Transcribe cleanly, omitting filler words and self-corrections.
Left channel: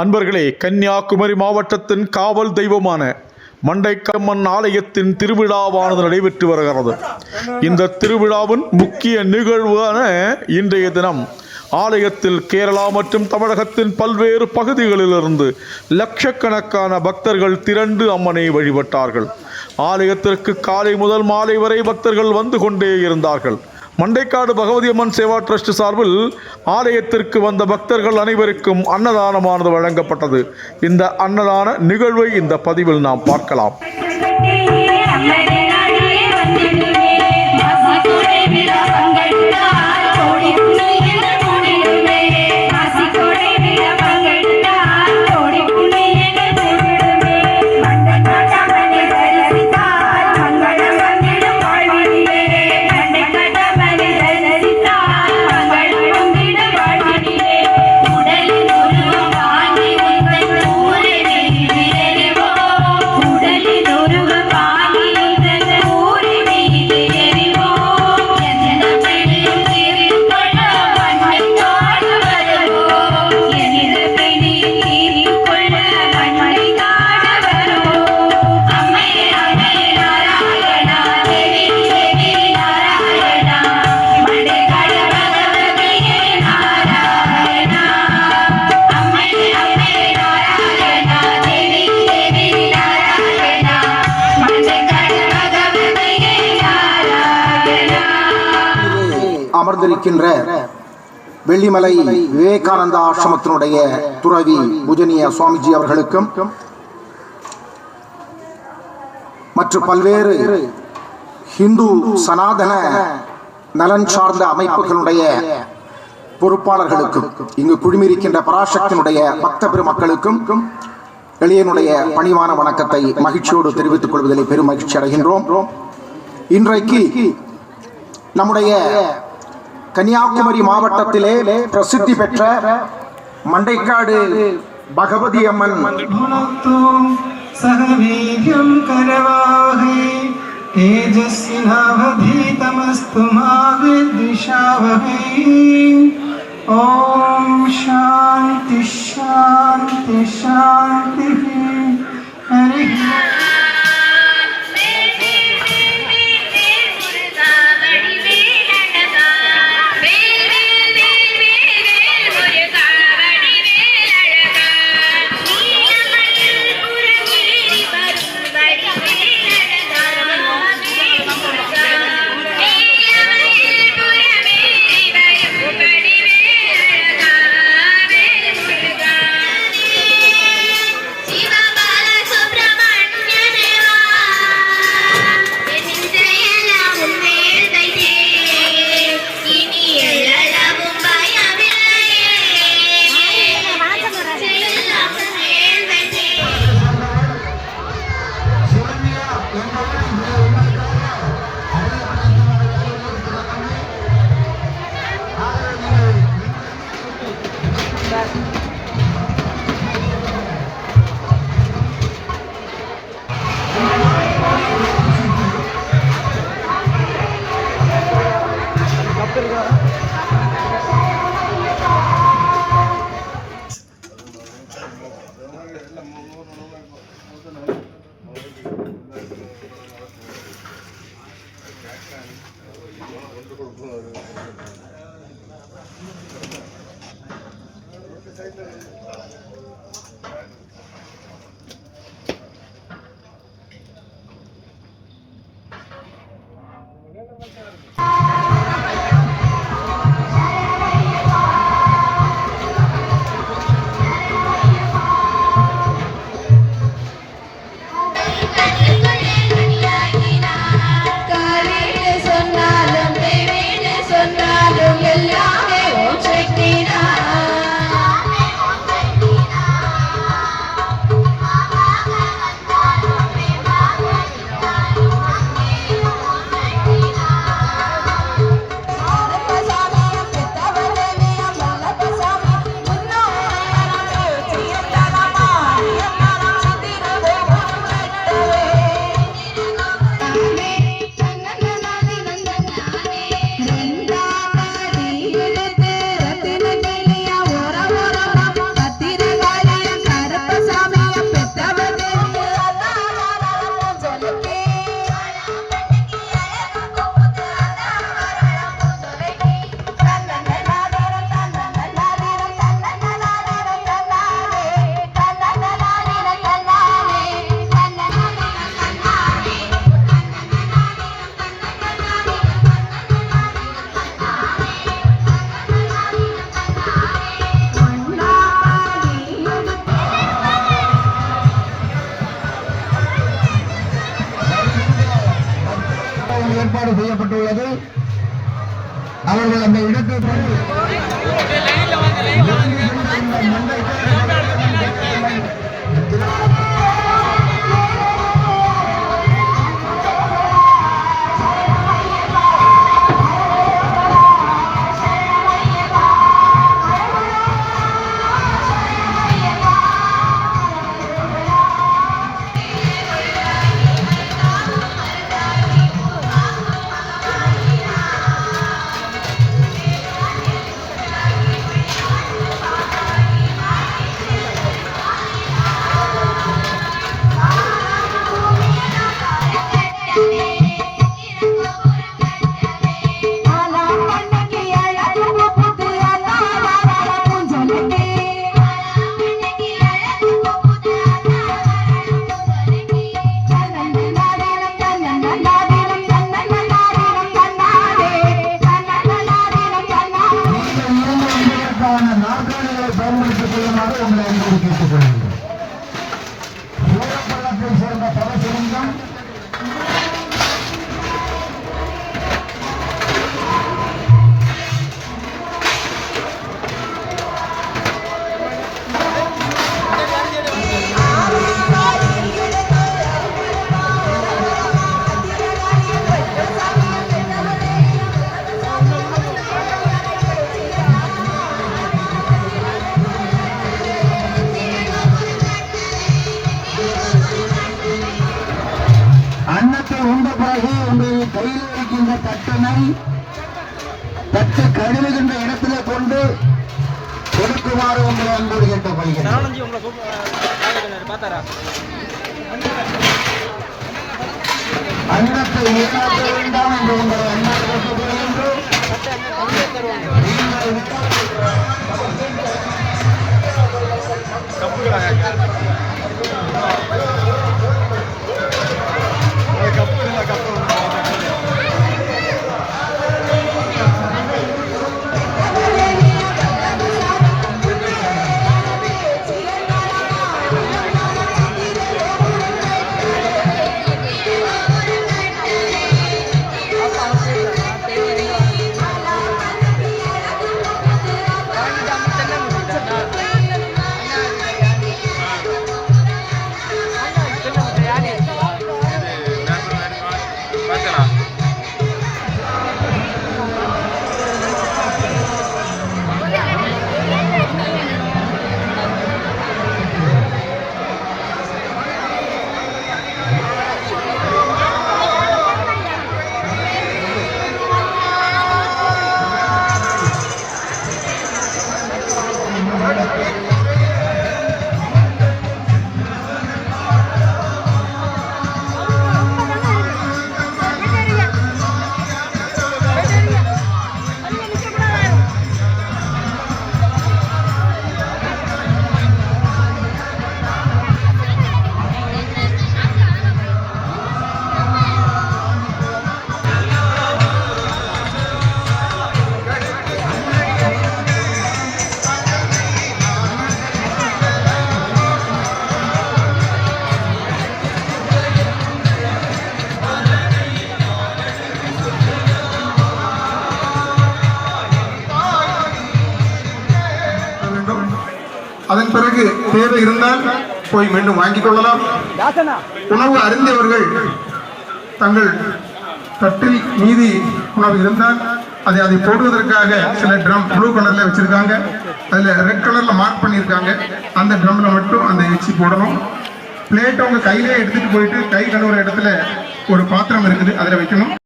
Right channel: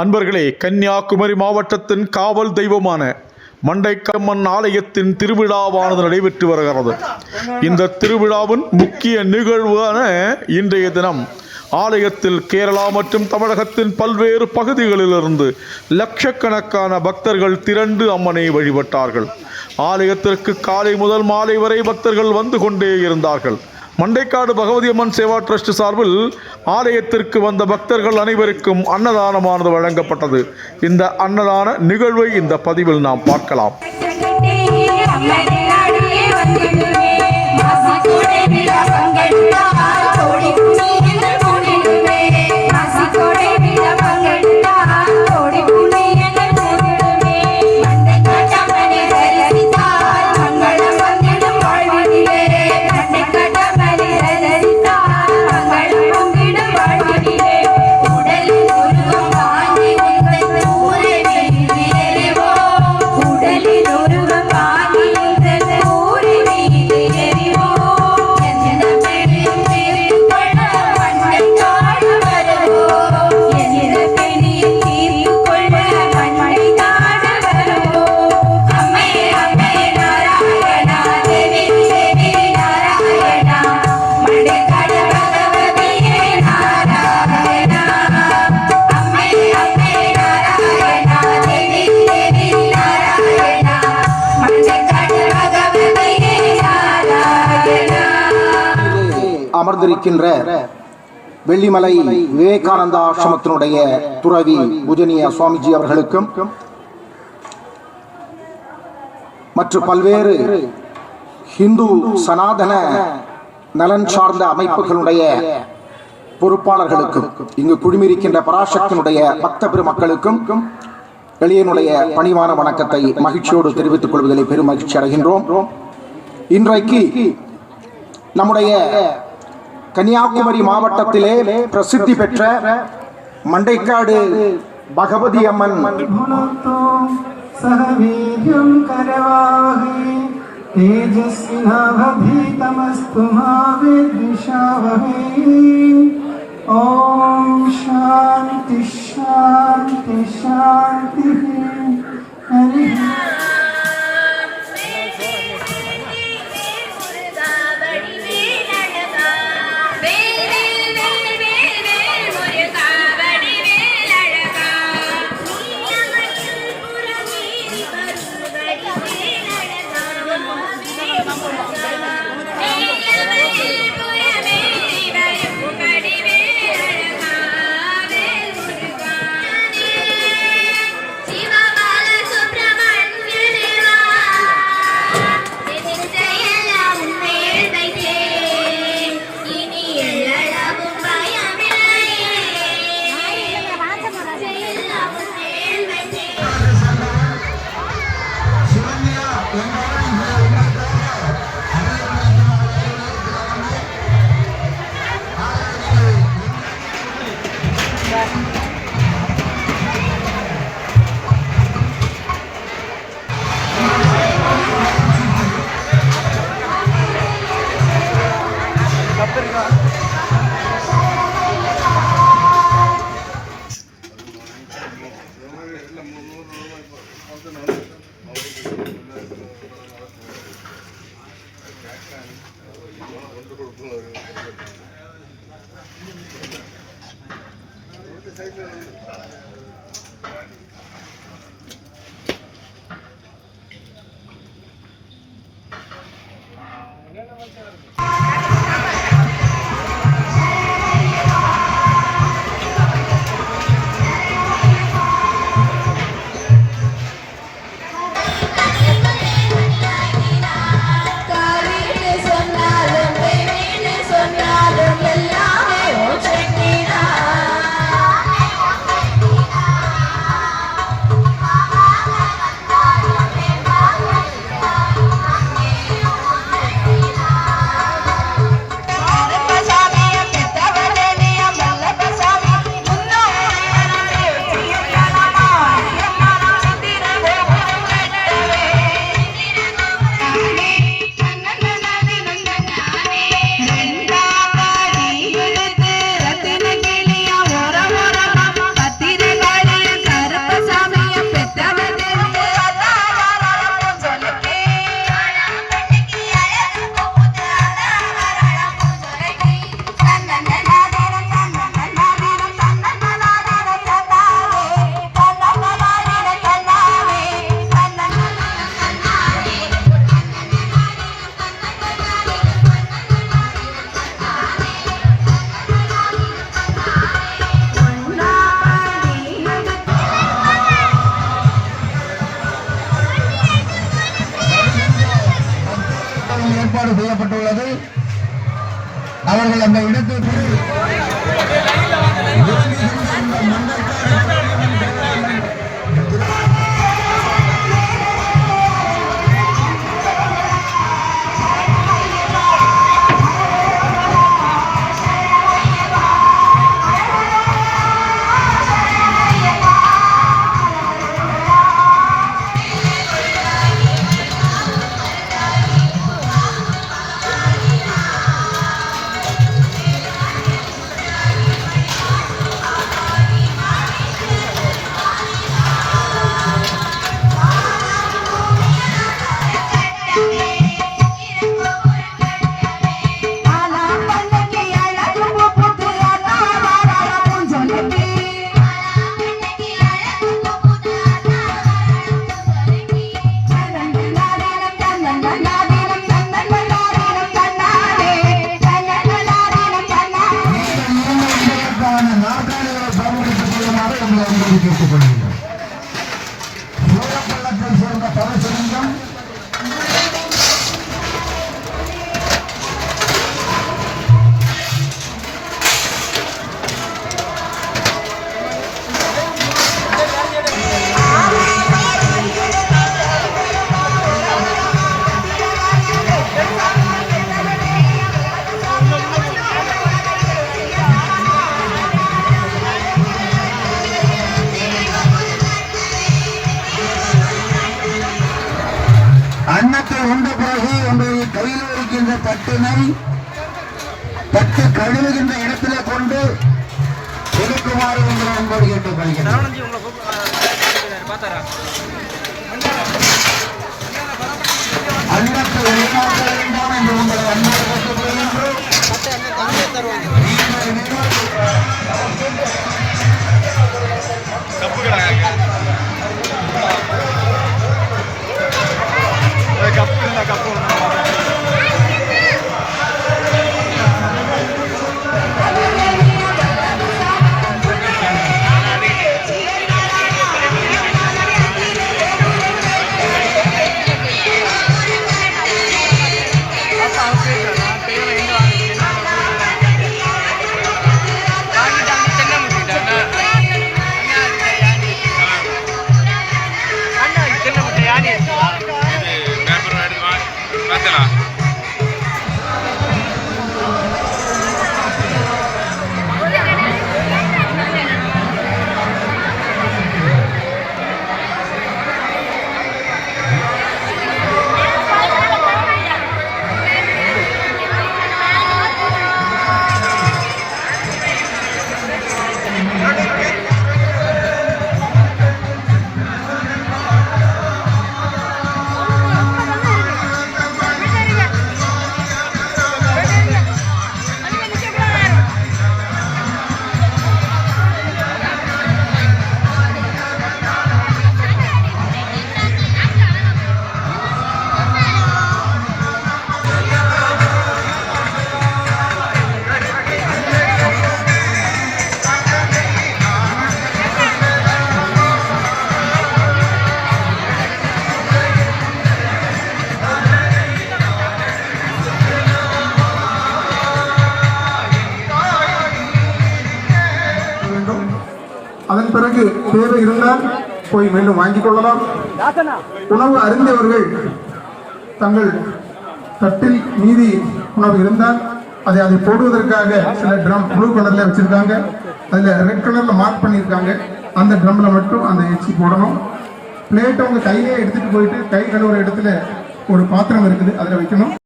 அன்பர்களே, கன்னியாகுமரி மாவட்டத்தின் காவல் தெய்வமான மண்டைக்காடம்மன் ஆலயத்தின் திருவிழாவானது நடைபெற்று வருகிறது. இந்த திருவிழாவின் முக்கிய நிகழ்வான இன்றைய தினம் ஆலயத்தில் கேரளா மற்றும் தமிழகத்தின் பல்வேறு பகுதிகளிலிருந்து லட்சக்கணக்கான பக்தர்கள் திரண்டு அம்மனை வழிபட்டார்கள். ஆலயத்திற்கு காலை முதல் மாலை வரை பக்தர்கள் வந்து கொண்டே இருந்தார்கள். மண்டைக்காடு பகவதி அம்மன் சேவா டிரஸ்ட் சார்பில் ஆலயத்திற்கு வந்த பக்தர்கள் அனைவருக்கும் அன்னதானமானது வழங்கப்பட்டது. இந்த அன்னதான நிகழ்வை இந்த பதிவில் நாம் பார்க்கலாம். அமர்ந்திருக்கின்ற வெள்ளிமலை விவேகானந்தா ஆசிரமத்தினுடைய துறவி பூஜனிய சுவாமிஜி அவர்களுக்கும் மற்றும் பல்வேறு ஹிந்து சனாதன நலன் சார்ந்த அமைப்புகளுடைய பொறுப்பாளர்களுக்கும் இங்கு குழுமியிருக்கின்ற பராசக்தியினுடைய பக்த பெருமக்களுக்கும் எளியனுடைய பணிவான வணக்கத்தை மகிழ்ச்சியோடு தெரிவித்துக் கொள்வதில் பெரும் மகிழ்ச்சி அடைகின்றோம். இன்றைக்கு நம்முடைய கன்னியாகுமரி மாவட்டத்திலே பிரசித்தி பெற்ற மண்டைக்காடு பகவதி அம்மன் ஓம் சாந்தி சாந்தி சாந்தி. ஹரி ஏற்பாடு செய்யப்பட்டுள்ளது. அவர்கள் அந்த இடத்தில் அன்னத்தை உண்ட பிறகு உங்களுடைய கையில் இருக்கின்ற தட்டினை தட்டு கழுவுகின்ற இடத்திலே கொண்டு கொடுக்குமாறு என்று அன்போடு கேட்டுக்கொள்கிறேன். அன்னத்தை வீணாக்க வேண்டாம் என்று உங்கள் அன்போடு கேட்டுக்கொள்கிறேன். அதன் பிறகு தேவை இருந்தால் போய் மீண்டும் வாங்கிக் கொள்ளலாம். உணவு அருந்தியவர்கள் தங்கள் தட்டில் மீதி உணவு இருந்தால் அதை போடுவதற்காக சில ட்ரம் ப்ளூ கலர்ல வச்சிருக்காங்க, அதுல ரெட் கலர்ல மார்க் பண்ணியிருக்காங்க. அந்த ட்ரம்ல மட்டும் அந்த எச்சி போடணும். பிளேட் அவங்க கையிலே எடுத்துட்டு போயிட்டு கை கழுவுற இடத்துல ஒரு பாத்திரம் இருக்குது, அதில் வைக்கணும்.